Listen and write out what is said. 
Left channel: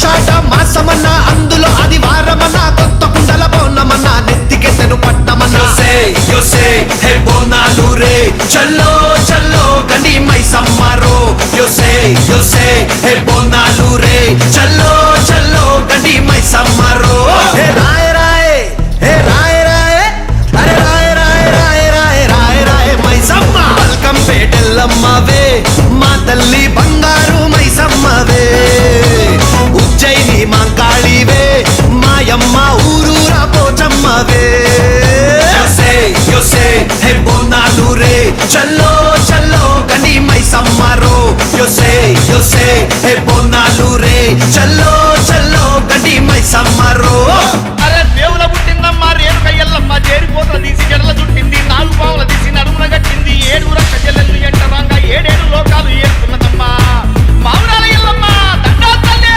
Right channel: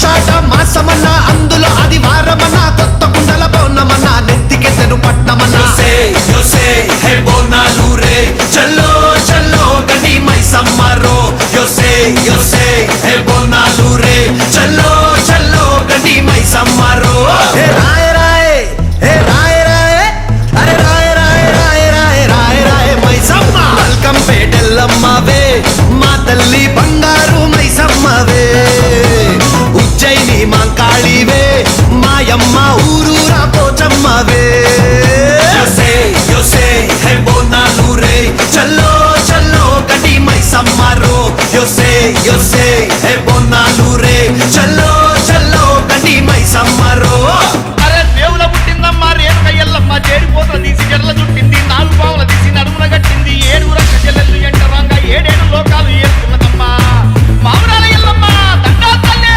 ఆషాఢ మాసమన్నా అందులో ఆదివారమన్నా కొత్త కుండల బోనమన్నా నెత్తికెత్తెను పట్నమన్నా చల్లో చల్లో గని మైసమ్మరో బోనాలు రే చల్లో చల్లో గని మైసమ్మరో హే రాయ రాయ హే రాయ రాయ అరే రాయ రాయ రాయ రాయ రాయ రాయ మైసమ్మ వెల్కమ్ పేటెల్లమ్మవే మా తల్లి బంగారు మైసమ్మవే ఉజ్జయిని మాంకాళివే మాయమ్మ ఊరూరా పోచమ్మవే బోనాలు రే చల్లో చల్లో గని మైసమ్మరో బోనాలు రే